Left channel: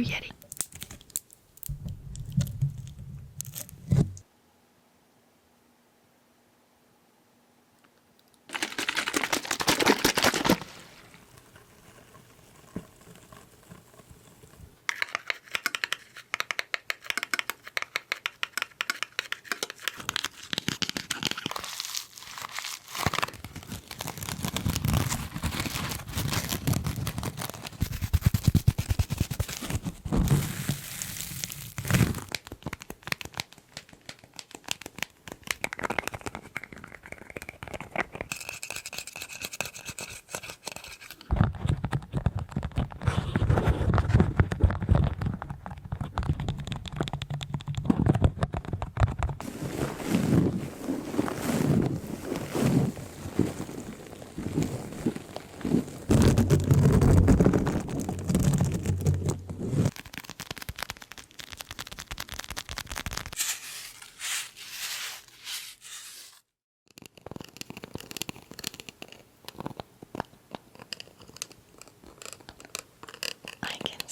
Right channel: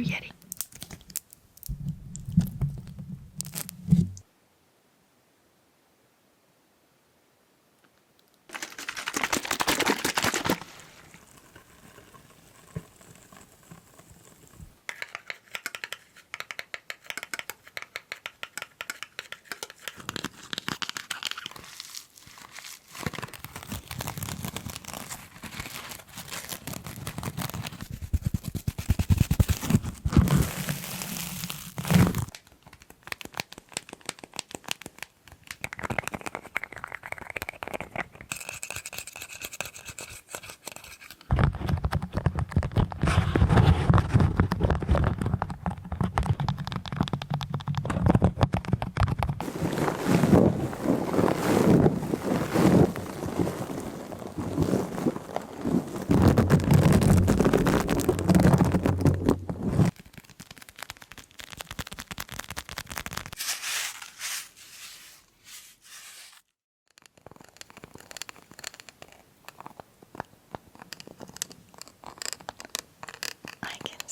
Blue Yeti.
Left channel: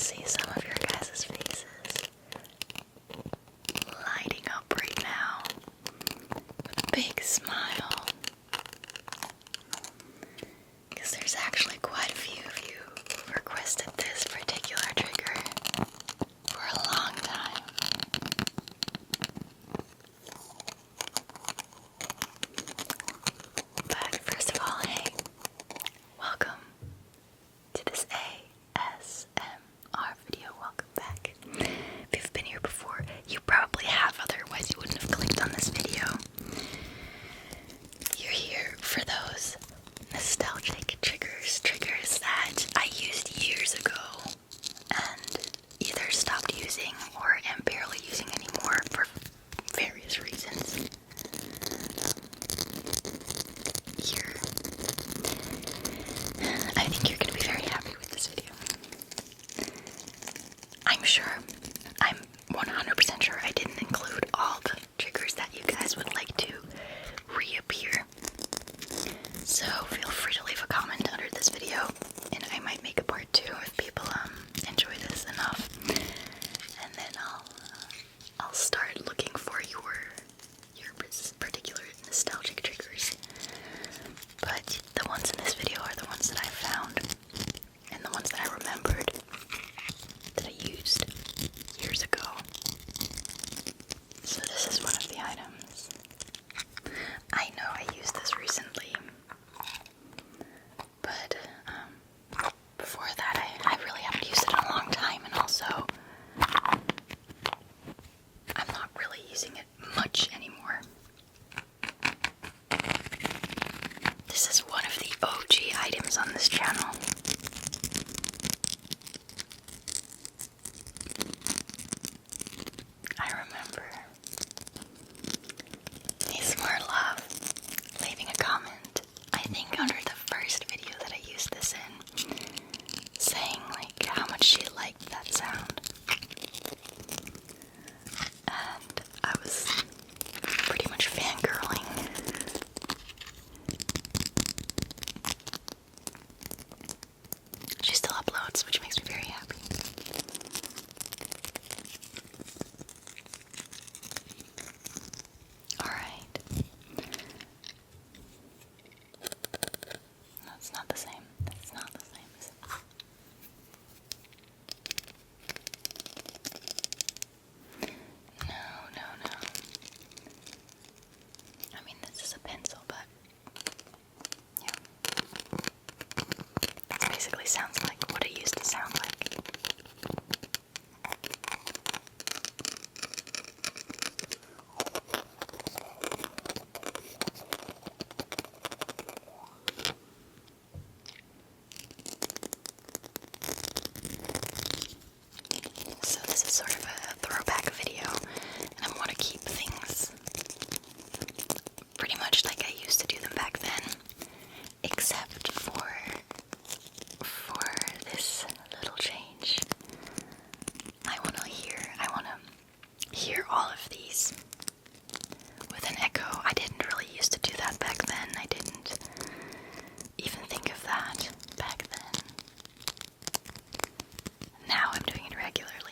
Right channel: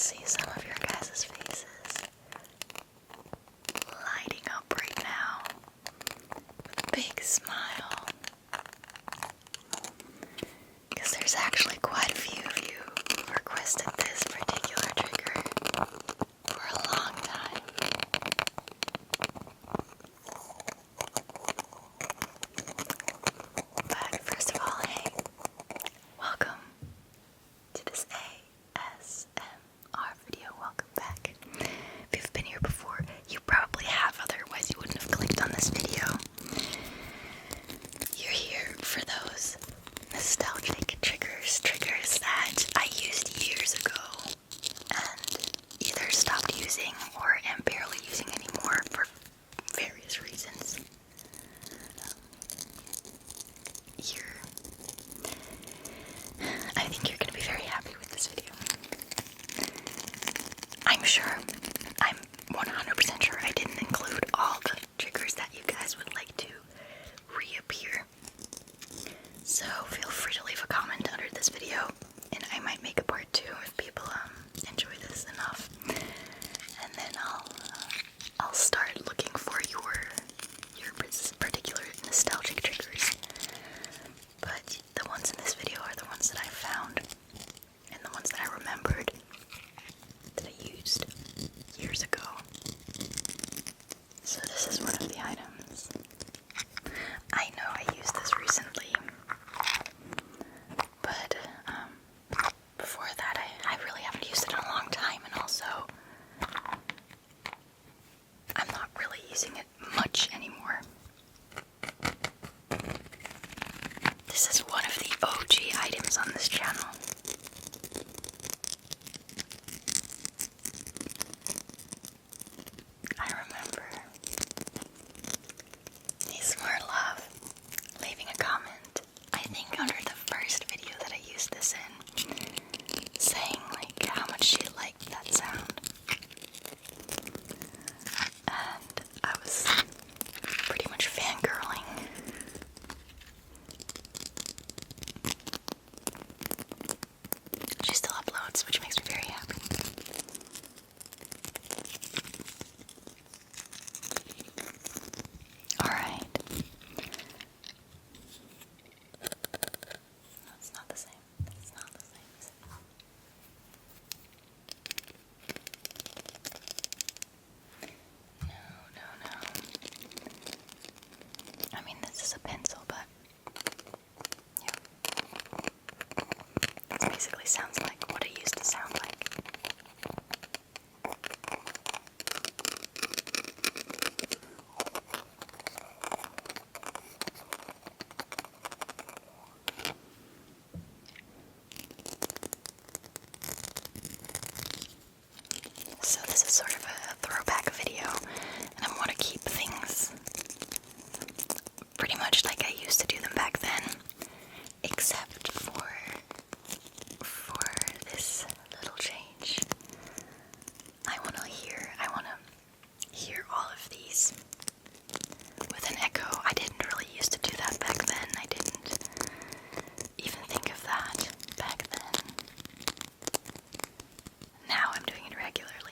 See some of your guys' faces lighting up right now with a big smile, because there's actually quite a few of you who requested this particular trigger for a long time. But first of all, hey, welcome to this ASMR video. Welcome back. If you've been here before, you probably have, otherwise you wouldn't have clicked on this video. You're here for those nostalgic triggers that I used years ago and either stopped using or am barely using anymore for various reasons. I think you're going to be very happy with this video. I'm 100% sure I didn't include all the triggers that you guys would like to reappear. So feel free to leave a comment under this video, and I might make a part 2 if people enjoy this enough. And then I'll start looking for your particular nostalgic triggers. But the ones in this video are the ones that I found and the ones that I remembered that I used years ago. So this is one of the items. I know I used this recently, but before that I really haven't used it in a long time, and also I'm not really using it much anymore. This is one of the OG items on this channel. I remember ASMR Love leaving a comment, I think under the first video that I used this in, saying like how much she liked that sound. And I was pretty much fangirling. She still uploads, which makes me very happy. Alright. No, it's not the same. It's not the same, is it? No. I mean, this is a pencil, but yeah. It basically sounds like what it used to sound like. So this is sort of a throwback video, and I want to keep things pretty much like I used to do them back then, except for this little change. I want to hear all of these with an echo. I didn't really used to do that back then. I didn't even think of that back then. Now I'm doing it regularly.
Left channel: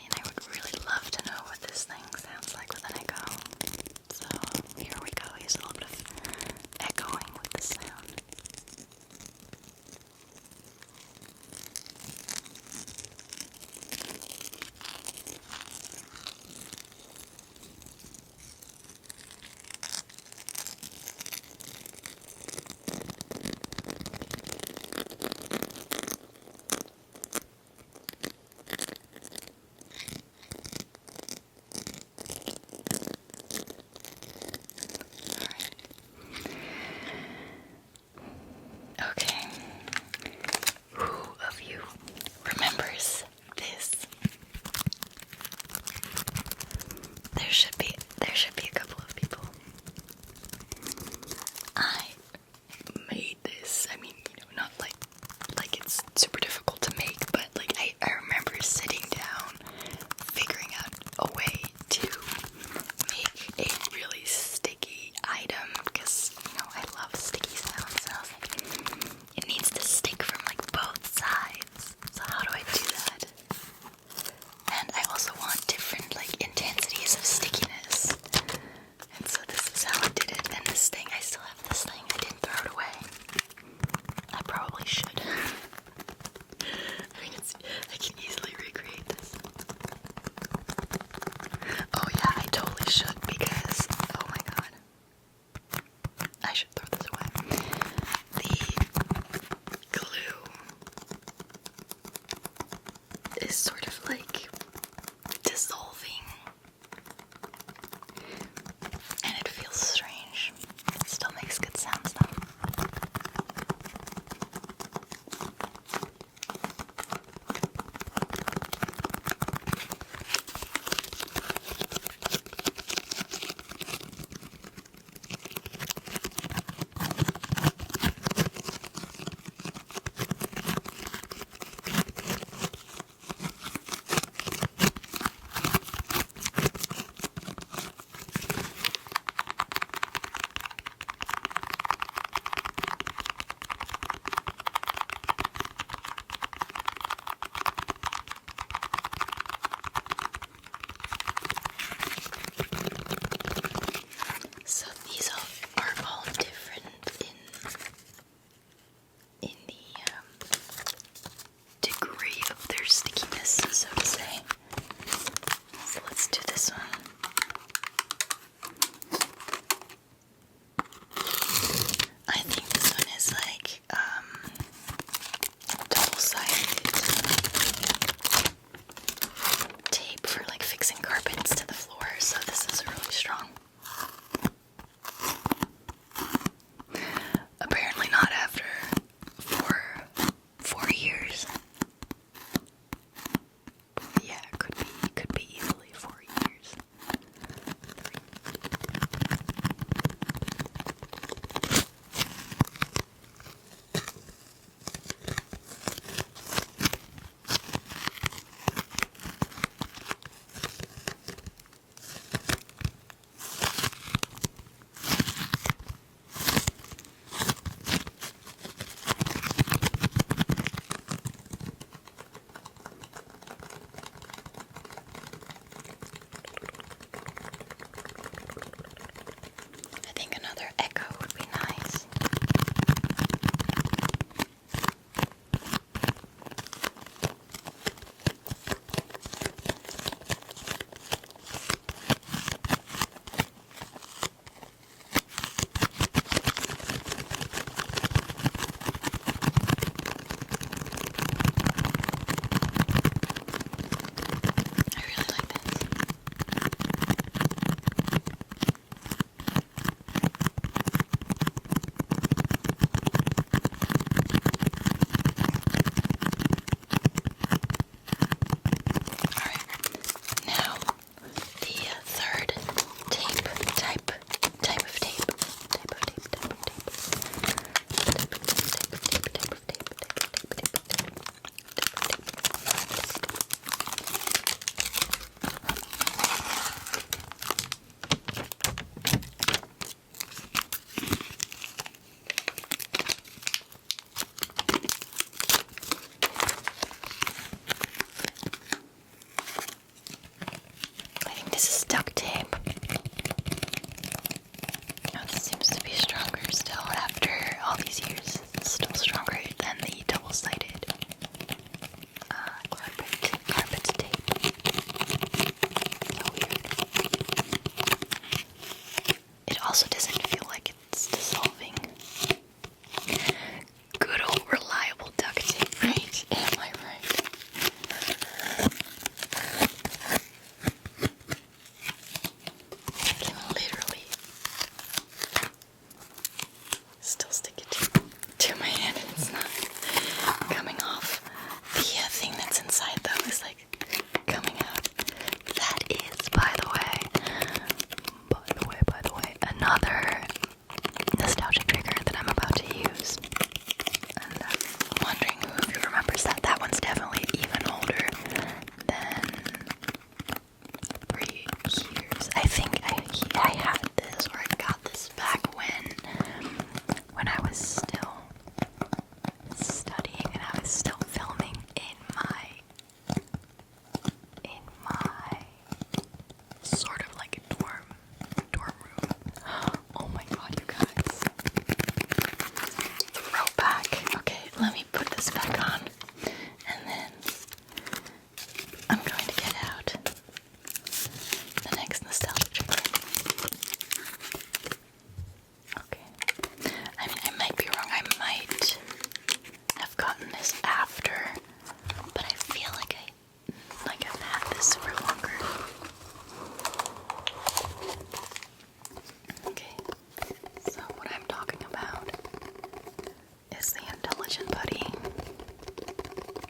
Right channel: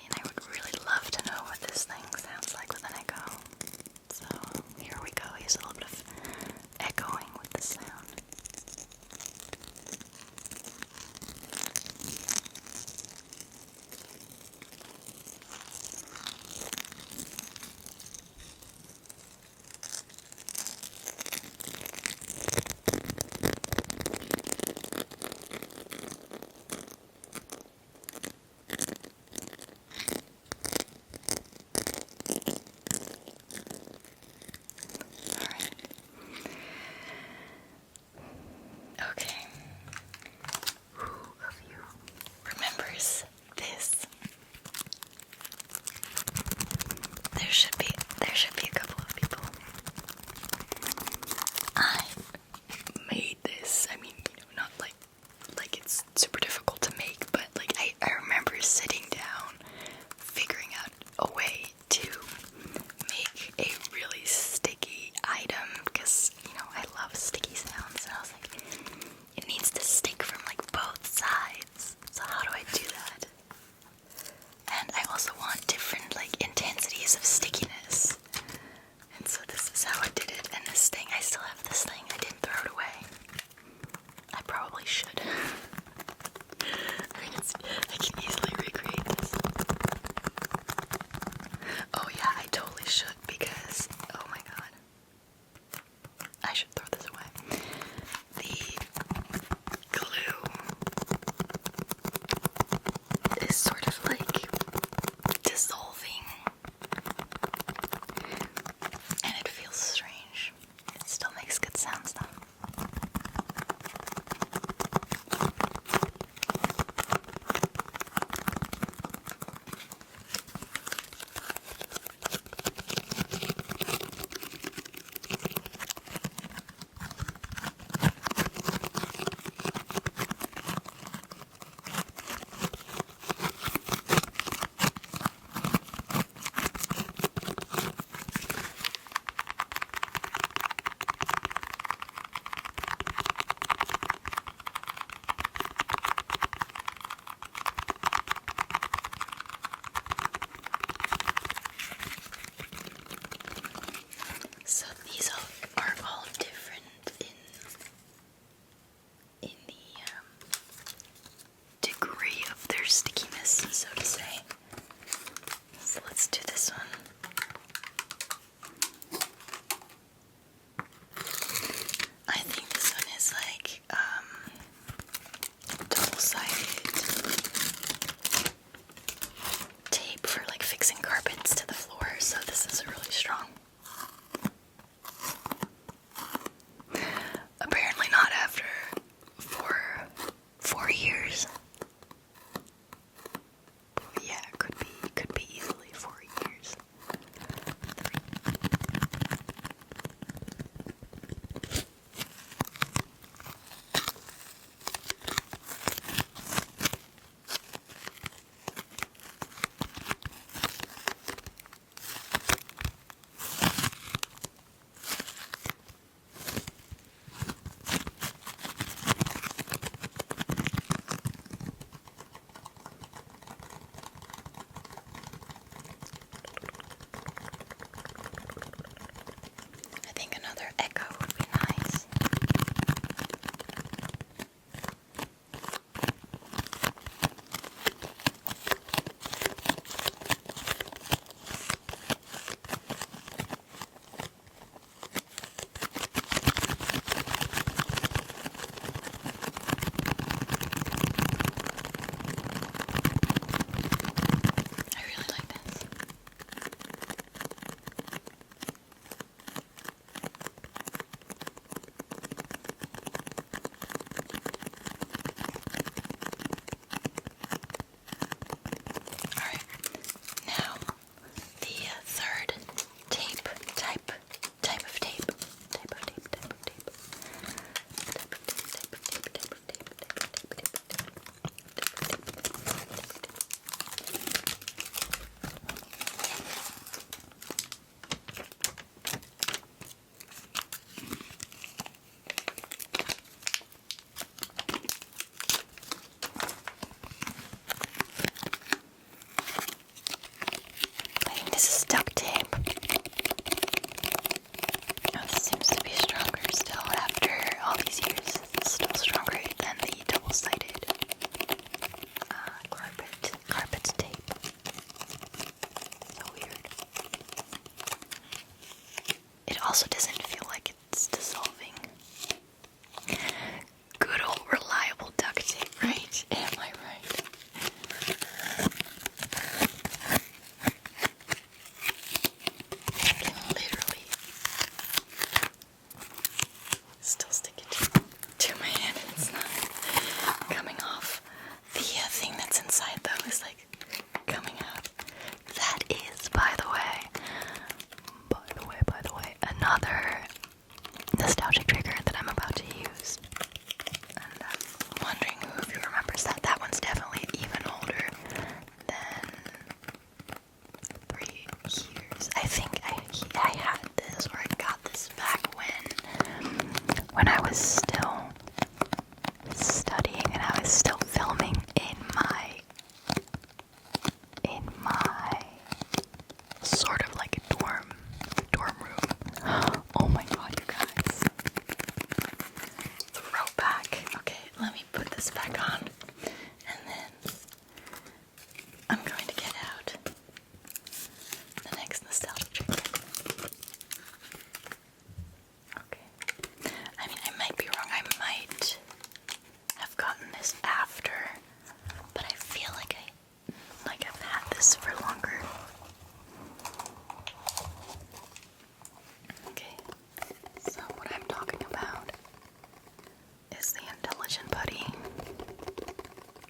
intelligent putty.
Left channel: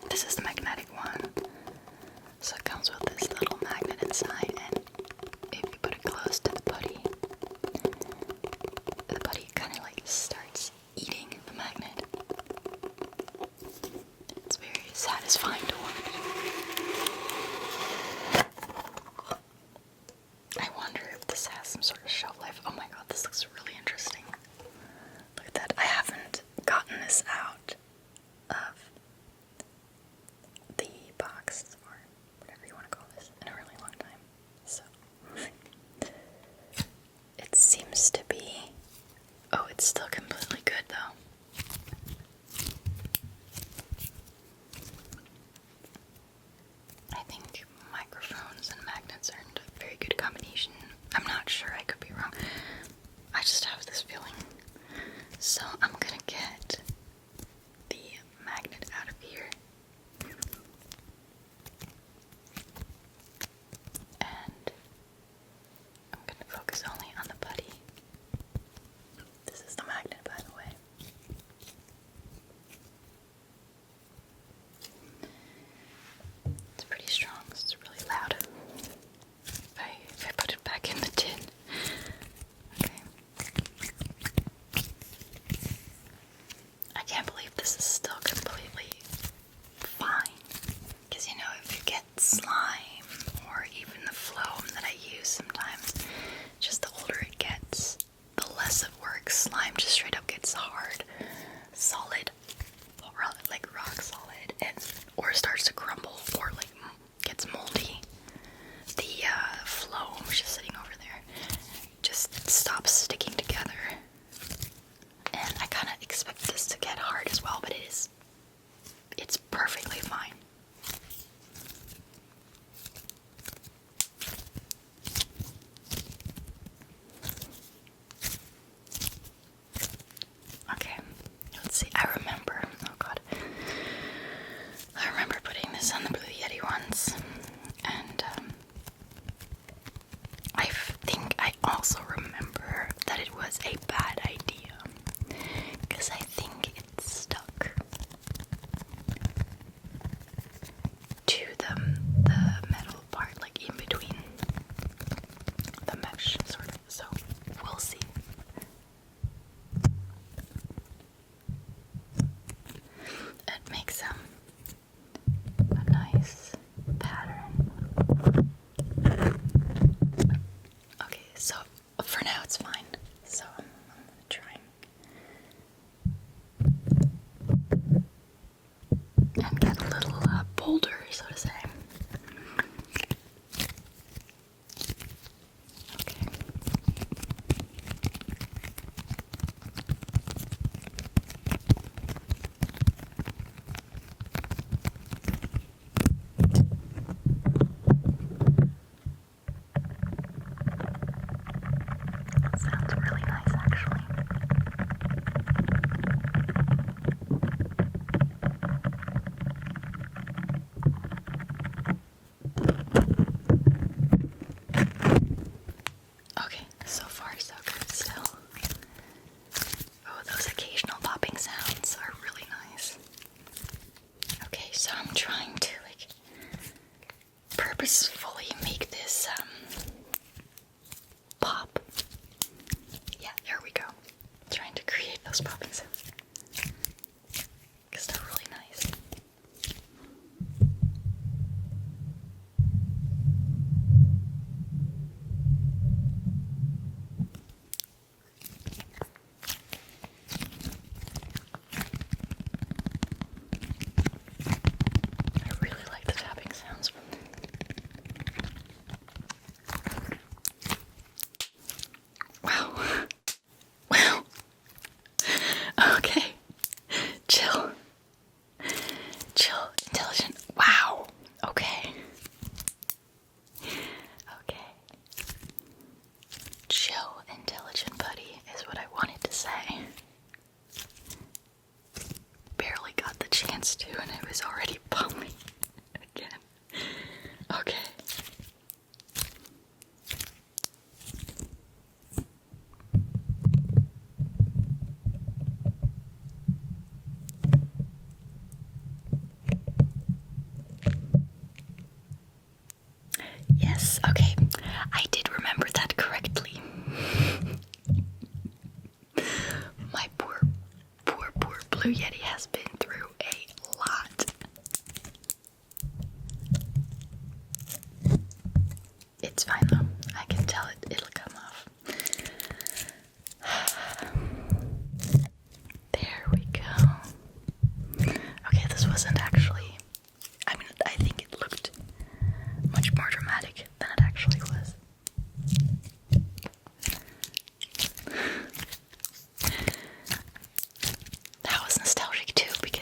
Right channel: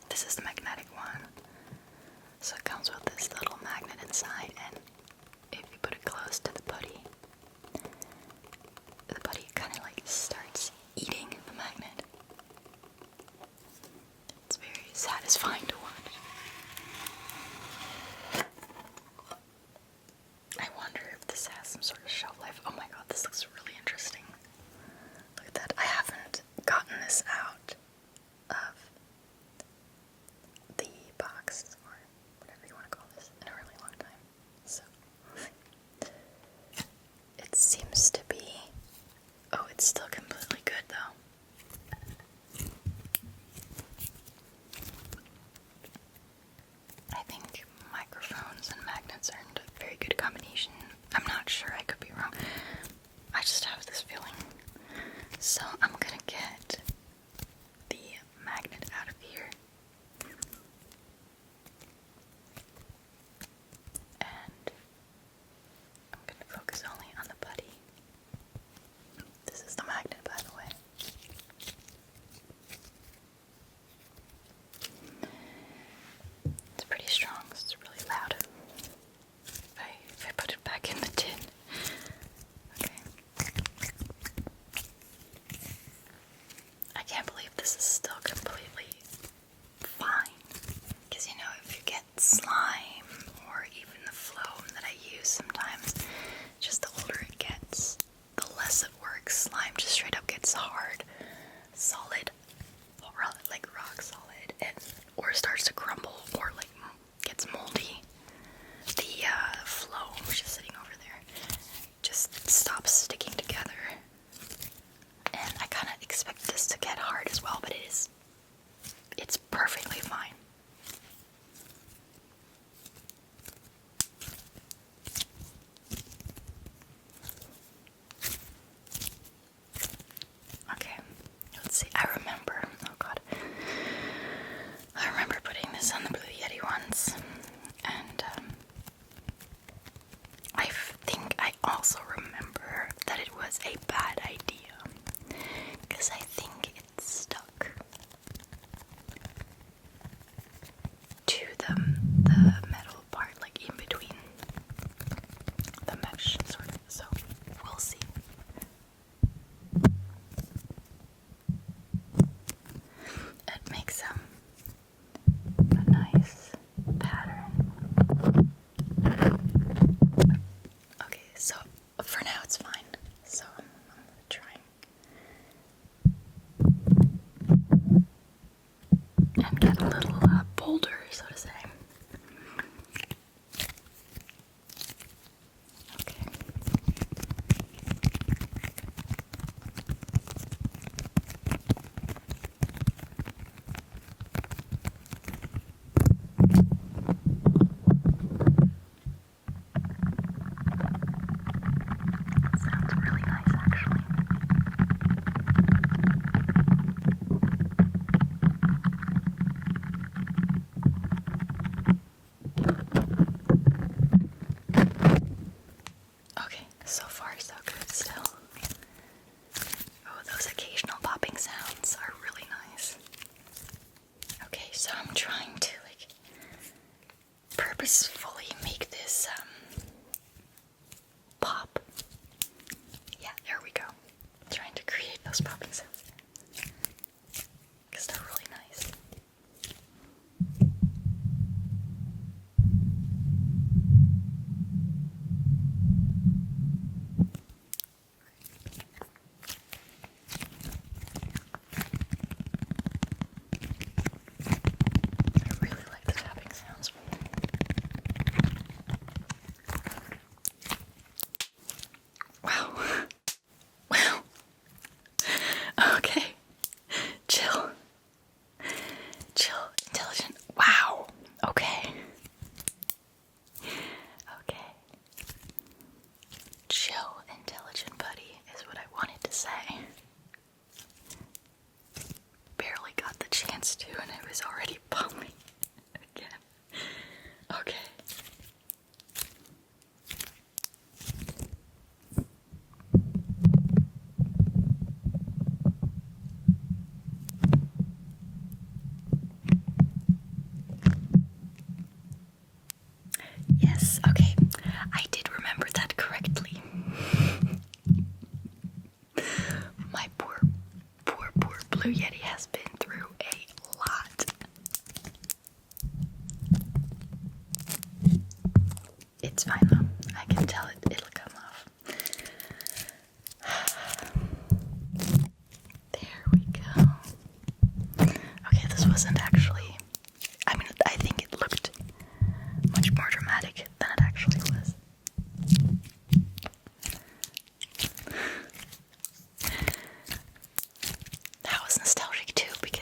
This is the magnetic one. So it comes with this little magnet inside, and if you put it close to the putty kind of like starts eating the magnet. It's very satisfying to watch. I wonder if this has some sort of shelf life. Oh my god, this looks really interesting. Look at that. I haven't gotten this out of the box, or whatever you want to call this, in a really long time. So, it seems to be... Oh, it's still completely good though. I think microphones and magnets aren't a very good combination. I'm not sure, I could be wrong. I just have this feeling. So I'm gonna get the magnet out of here. And I'm gonna focus only on the putty. This is the magnet, by the way. It's pretty strong, so it's really loud. If I put it back in the tin. Okay. I can't believe this is still completely fine. Because, you know, if you get slime or even the phloem that I use sometimes, just the older it gets, the less it works. Slime just straight up gets hard, solid, or like rock solid, and or starts to crumble, or like gets moldy. The phloem just sitting over there just stops sticking together. And I kind of expect this to get hard as well, but it's perfectly fine. Okay, let's see. I remember putting this on the Blue Yeti once, and I think I also remember that it was a bad idea, because I think it stuck to the metal part, like in between the mesh, sort of, so we'll see. It makes a nice pattern. Okay, so for now it's fine. So I'm gonna try and get a little bolder, so to say. Okay. Sounds really nice, actually. Okay, so far so good still. Oh, those occasional popping sounds are really nice. Okay, so I'm trying to like purposefully make this pop. Yeah, there we go. Trying to create those popping sounds, because they're really nice. I really like the tapping sounds from them. Blue Yeti has been through a lot. It's fine though. I can tell it'll come off. There we go. Okay, this wasn't actually, I mean, I think it looked much more dramatic than it actually was. That was nostalgic too, because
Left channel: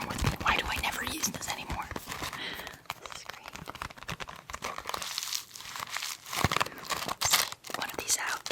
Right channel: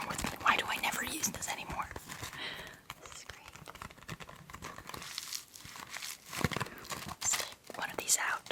wrong with me? Why do I never use this anymore? This is great. Let's take one of these out.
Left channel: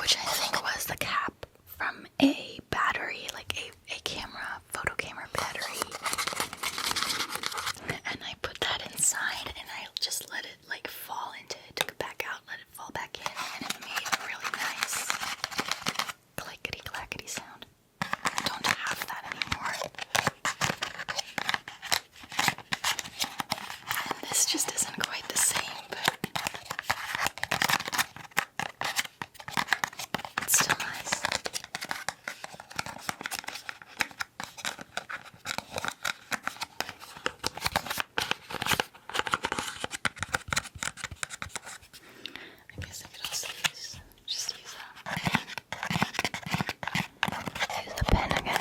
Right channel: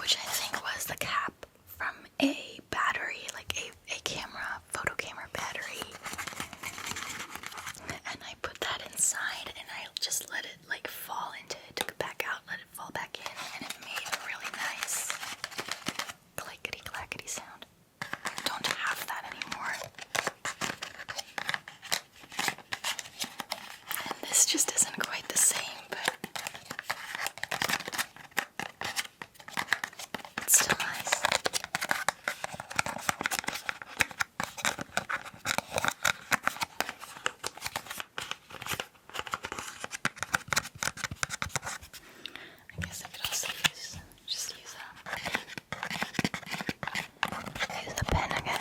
which I think was the cap from a battery, like a camera, photo camera battery. And I put that inside and I just let it like fall into it, took it back out, let it fall back in, and it made a really nice clickety clackety sound. I don't have that anymore. And this just isn't quite the same, but it's still nice. I guess I could also use the pen again.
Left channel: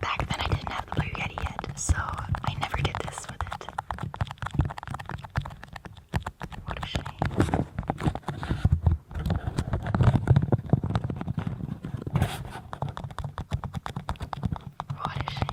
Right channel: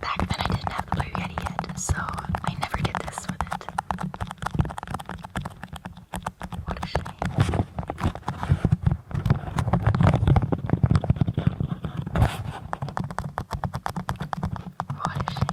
Back then I didn't have the Blue Yeti yet, so I never did this with it. What a shame. What a shame.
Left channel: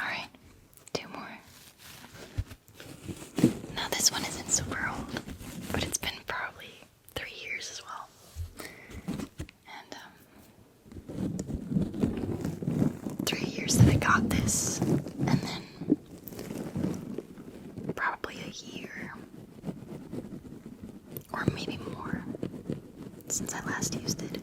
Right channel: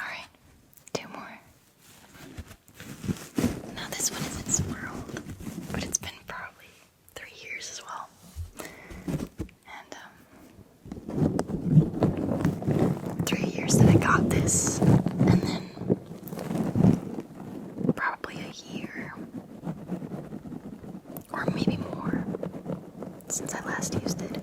Alright, two more. Now this one isn't super old, but it's been probably 3 years as well. And 3 years that I got this, and then probably a year, or maybe more, since I last used it.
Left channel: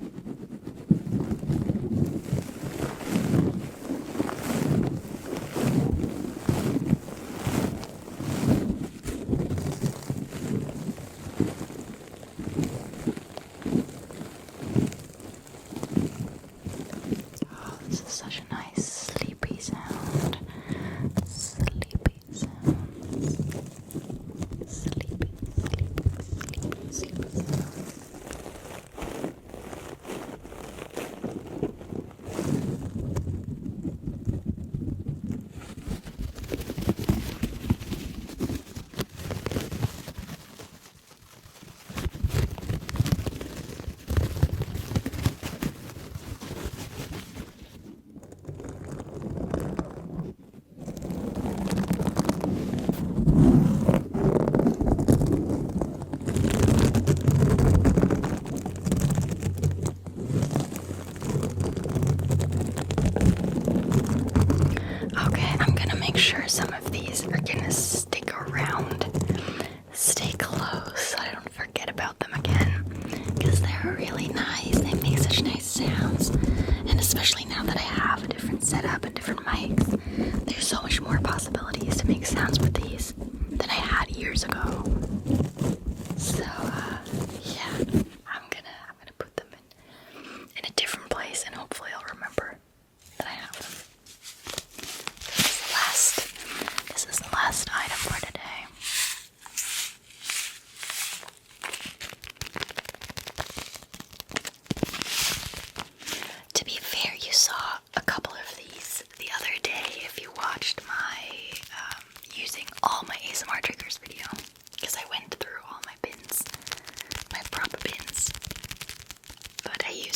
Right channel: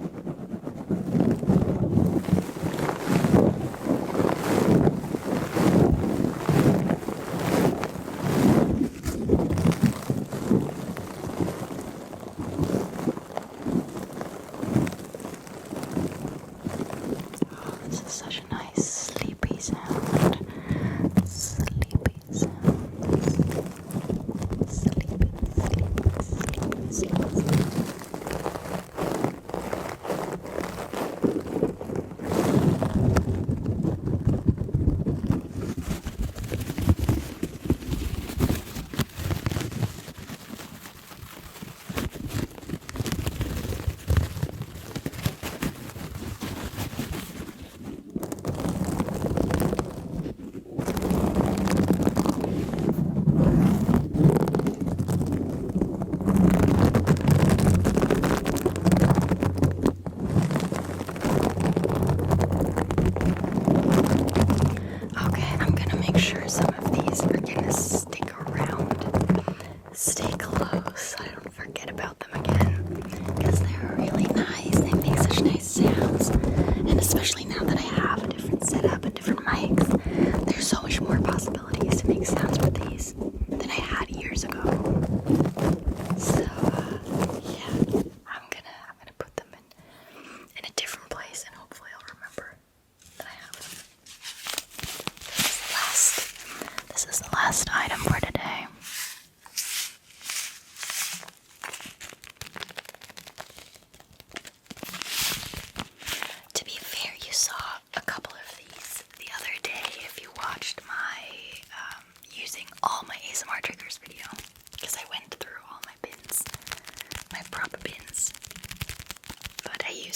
Oh, this is such a nice sleepy sound. Sleepy sound. Sleepy, sleepy, sleepy, sleepy sound.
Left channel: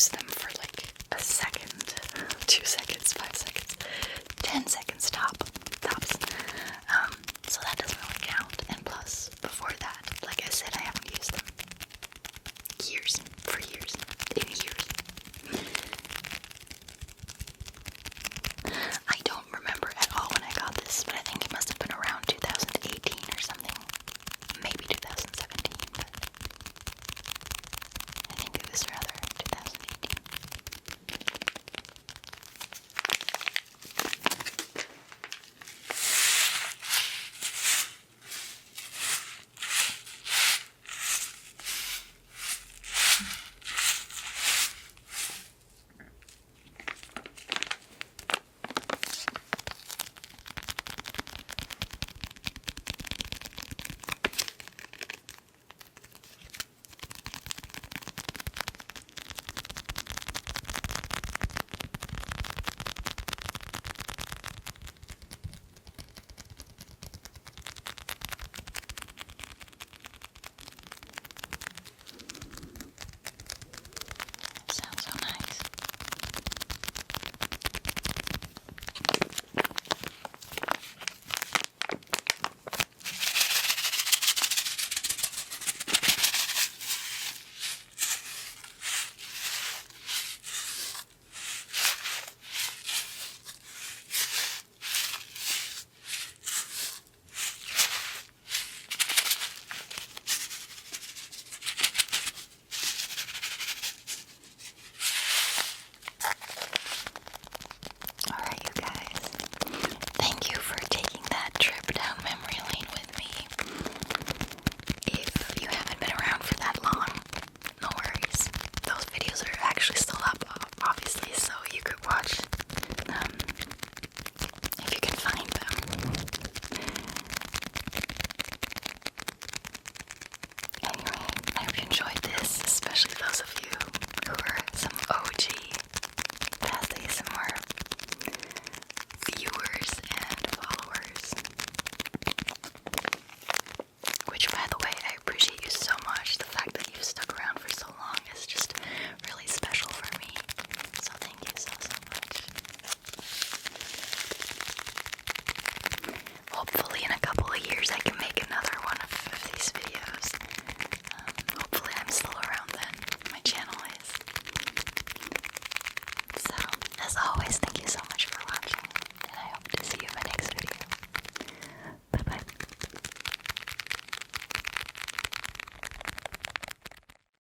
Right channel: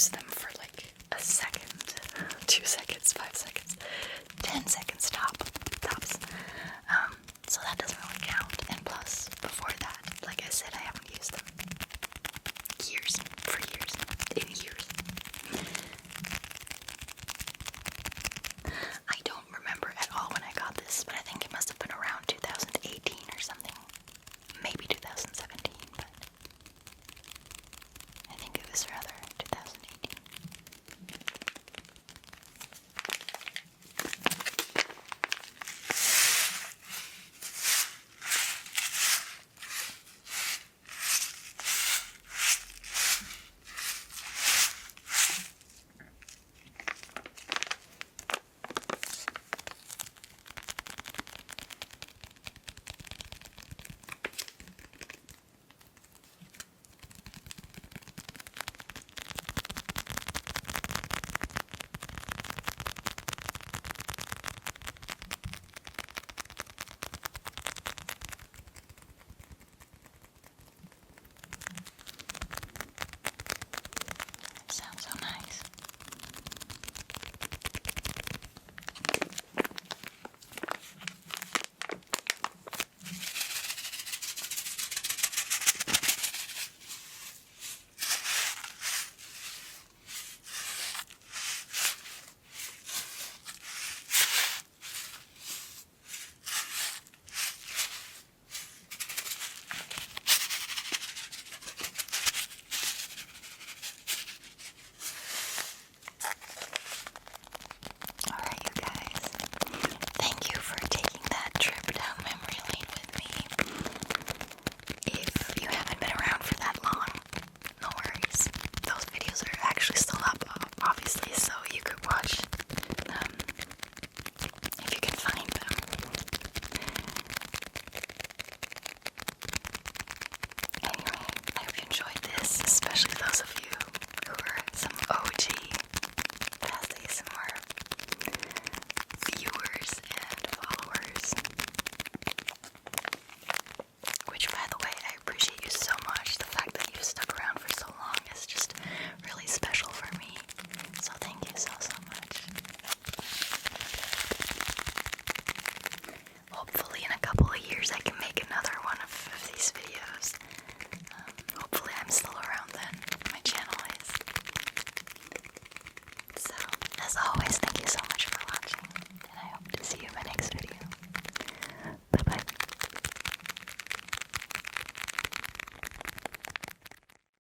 use them for like a second, 2 seconds, 5 seconds.